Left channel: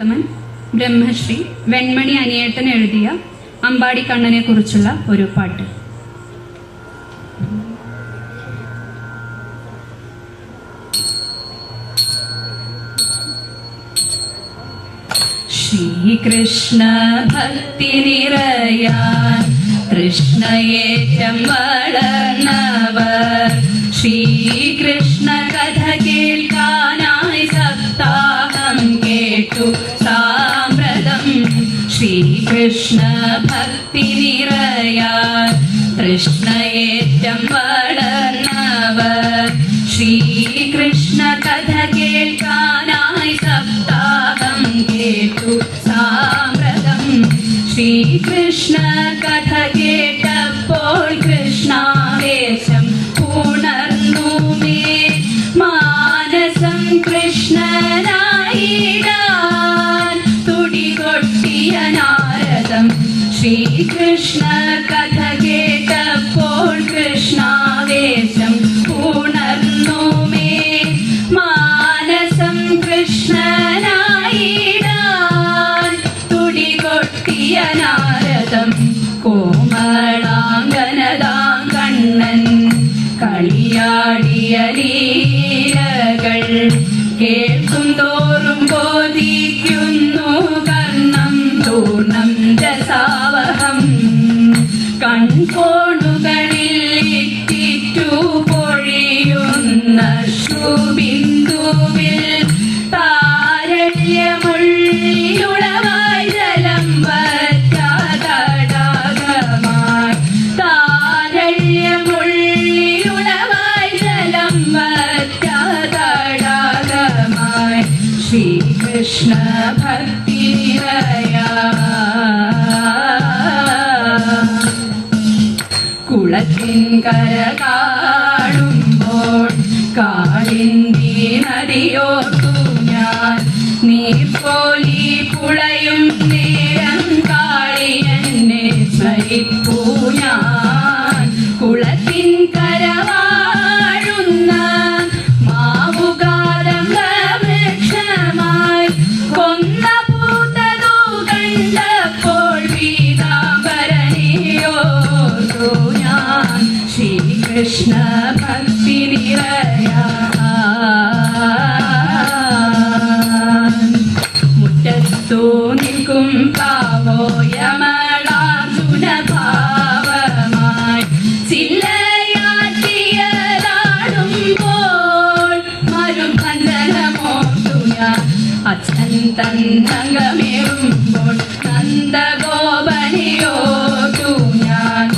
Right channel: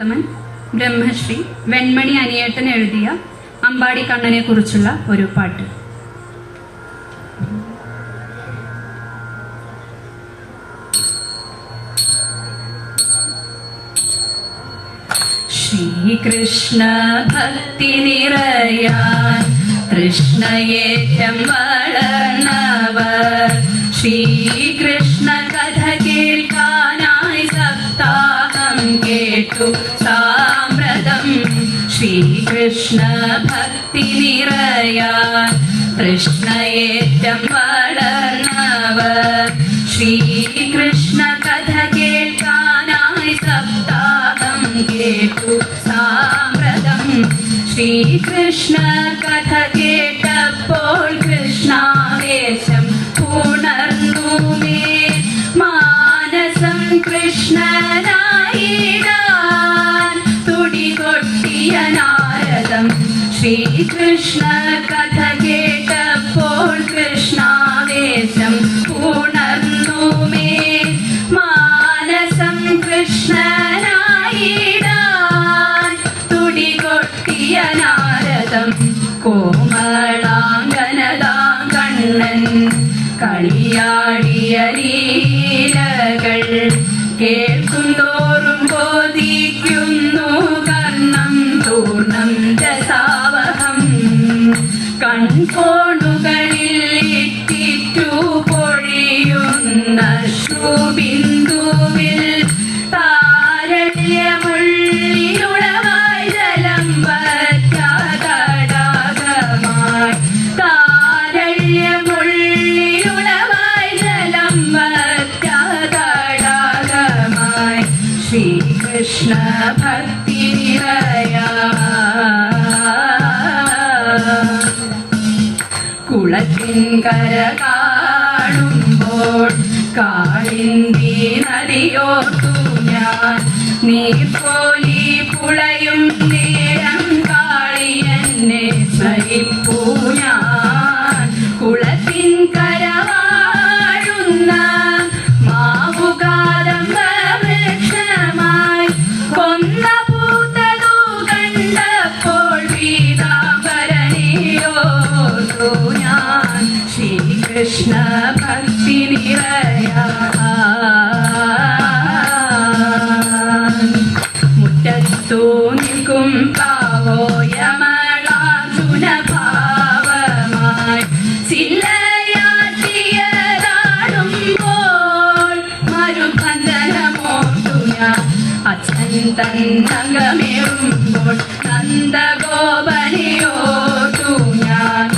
ബ്രഹ്മശ്രീ വെൺമണി അനിയേട്ടൻ എഴുതിയ അമ്പാടി കണ്ണനെ കുറിച്ചുള്ള ഒരു പാട്ട്. ശ്രീകൃഷ്ണ ഭക്തി നിറയാൻ കൃഷ്ണയേറ്റം വളർന്നവർ ശ്രീകൃഷ്ണ കഥ കേൾക്കാനായി സപ്താഹം കേട്ടു സാമ്പ്രതം. ശ്രീകൃഷ്ണ ഭക്തി നിറയാൻ കൃഷ്ണയേറ്റം വളർന്നവർ ശ്രീകൃഷ്ണ കഥ കേൾക്കാനായി സപ്താഹം കേട്ടു സാമ്പ്രതം. ശ്രീകൃഷ്ണ കഥ കേട്ടപ്പോൾ കൃഷ്ണാവേശം ഉണർന്നുമേ മാനസം കൃഷ്ണനായിടാൻ തുടികൊട്ടിയ നാരദം. ശ്രീകൃഷ്ണ കഥ കേട്ടപ്പോൾ കൃഷ്ണാവേശം ഉണർന്നുമേ മാനസം കൃഷ്ണനായിടാൻ തുടികൊട്ടിയ നാരദം. കോമളാംഗനതാം കണ്ണൻ കളിയാടിയ ലീലകൾ കേൾക്കും തോറും ബോധിക്കുന്നു കർണം ചൂർണം രസാവഹം. കൺകോണുകളിൽ ഇറ്റിറ്റു പൊഴിയുന്ന ശ്രുബിന്ദുവിൽ താരല്യമുള്ളിയുളവായി ജലം വറ്റാതടാകമായി. താരല്യമുള്ളിയുളവായി ജലം വറ്റാതടാകമായി. ശ്രീകൃഷ്ണ ഭക്തി കുളത്തിൻകര കാണുമ്പോൾ കാളിന്തി നദിയോർത്തു ഞാൻ. നീർക്കോലി പുളയും നേരം കാളിയെന്നെ സ്മരിപ്പൂ ഞാൻ. കുളത്തിൻകര വാഴുന്ന മാവുകാരംഗ വൃക്ഷമായി കൊന്ന പൂത്തതു കണ്ടപ്പോൾ പീതാംബരനെയോർത്തു ഞാൻ. ശ്രീകൃഷ്ണ ഭക്തി മുറ്റത്തു നിൽക്കും പാവോയമളാർജുന ഭാവമായി ചില്ലയാട്ടിയതാടുമ്പോൾ മരുബന്ധനമോർത്തു ഞാൻ. അച്ഛൻ തന്നകമേറുമ്പോൾ നന്ദഗോപനെയോർത്തു ഞാൻ.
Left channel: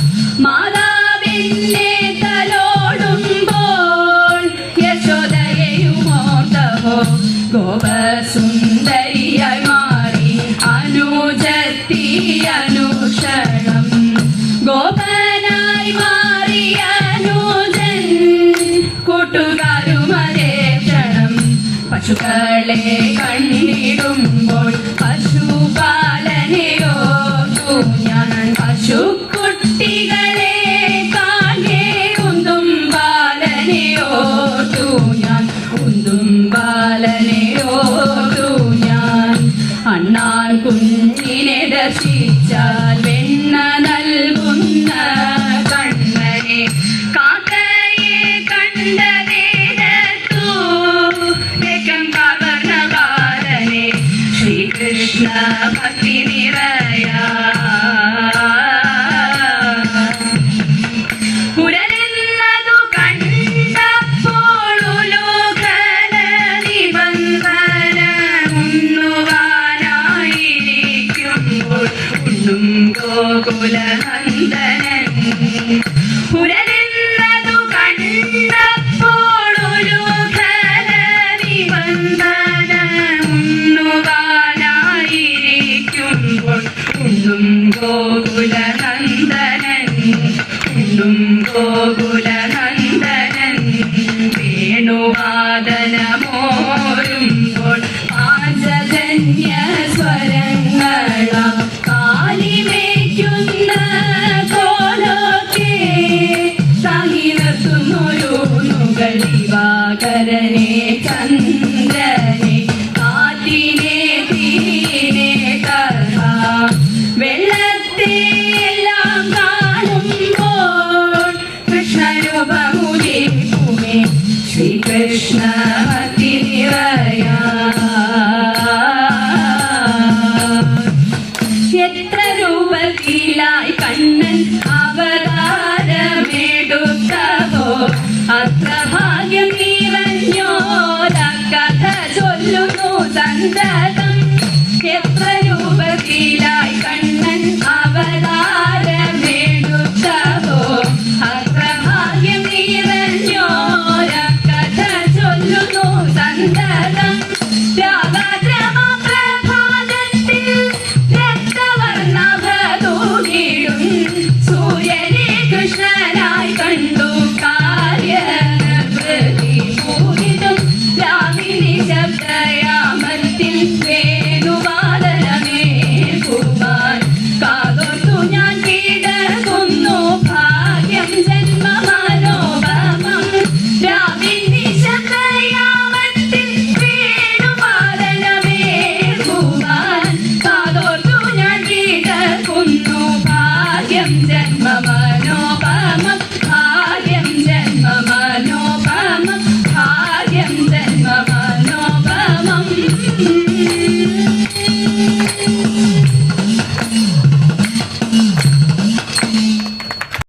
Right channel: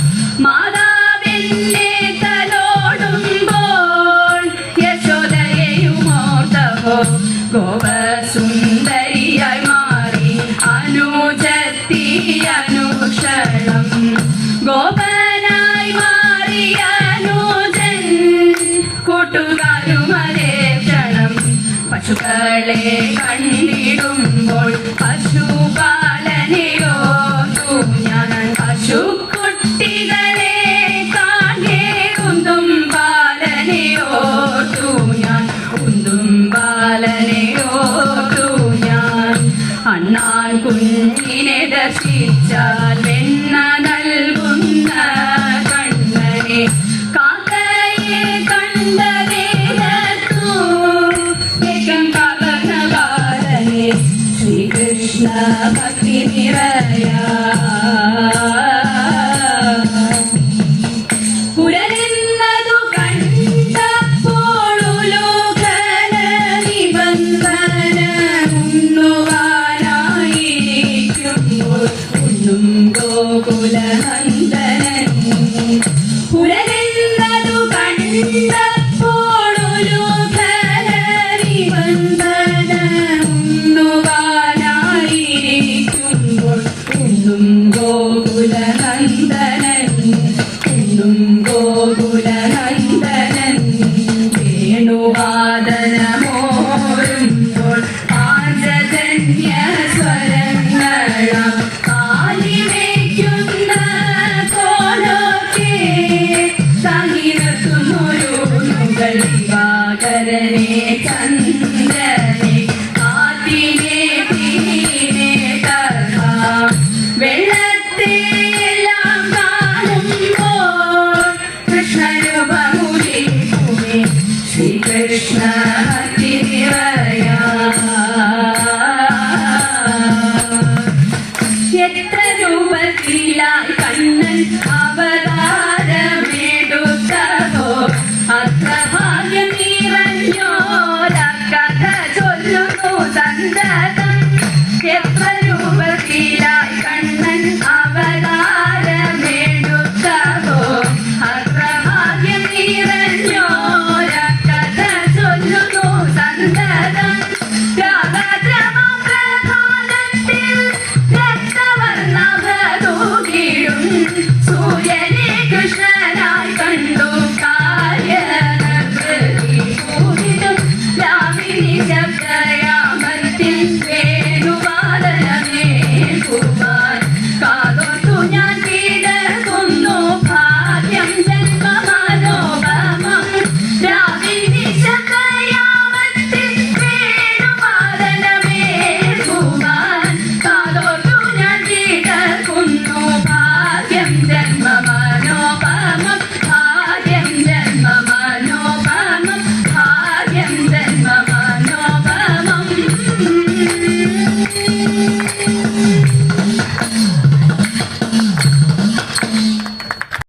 മാതാവിന്റെ തലോടുമ്പോൾ യശോദയെയുമോർത്തവോ ഗോപസുന്ദരിയായി മാറി അനുജത്തി അനുക്ഷണം. ഗോപനായി മാറിയ അനുജൻ കൂട്ടുകാരുമതേ ക്ഷണം. പശുക്കളെ കണ്ടിടുമ്പോൾ പശുപാലനെയോർത്തു ഞാൻ. പശുക്കുട്ടികളെ കാണേ കുന്തും ബാലനെയോർത്തു ഞാൻ. കുന്തും ബാലനെയോർത്തു ഞാൻ. അണ്ണാൻ കുഞ്ഞിനെ ദർശിച്ചാൽ വെണ്ണ നൽകുന്ന കണ്ണനെ കാക്കയെ കണ്ടതേതൂ വേഗം കവർന്ന ബാലനെ. ശ്രീകൃഷ്ണ ഭക്തി നിറയാ കുരലെന്നതു കണ്ടപ്പോൾ ഉലോകന നിബന്ധന ഉണ്ണുവാനായിരിക്കുമ്പോൾ ഉണ്ണും ഗോകുല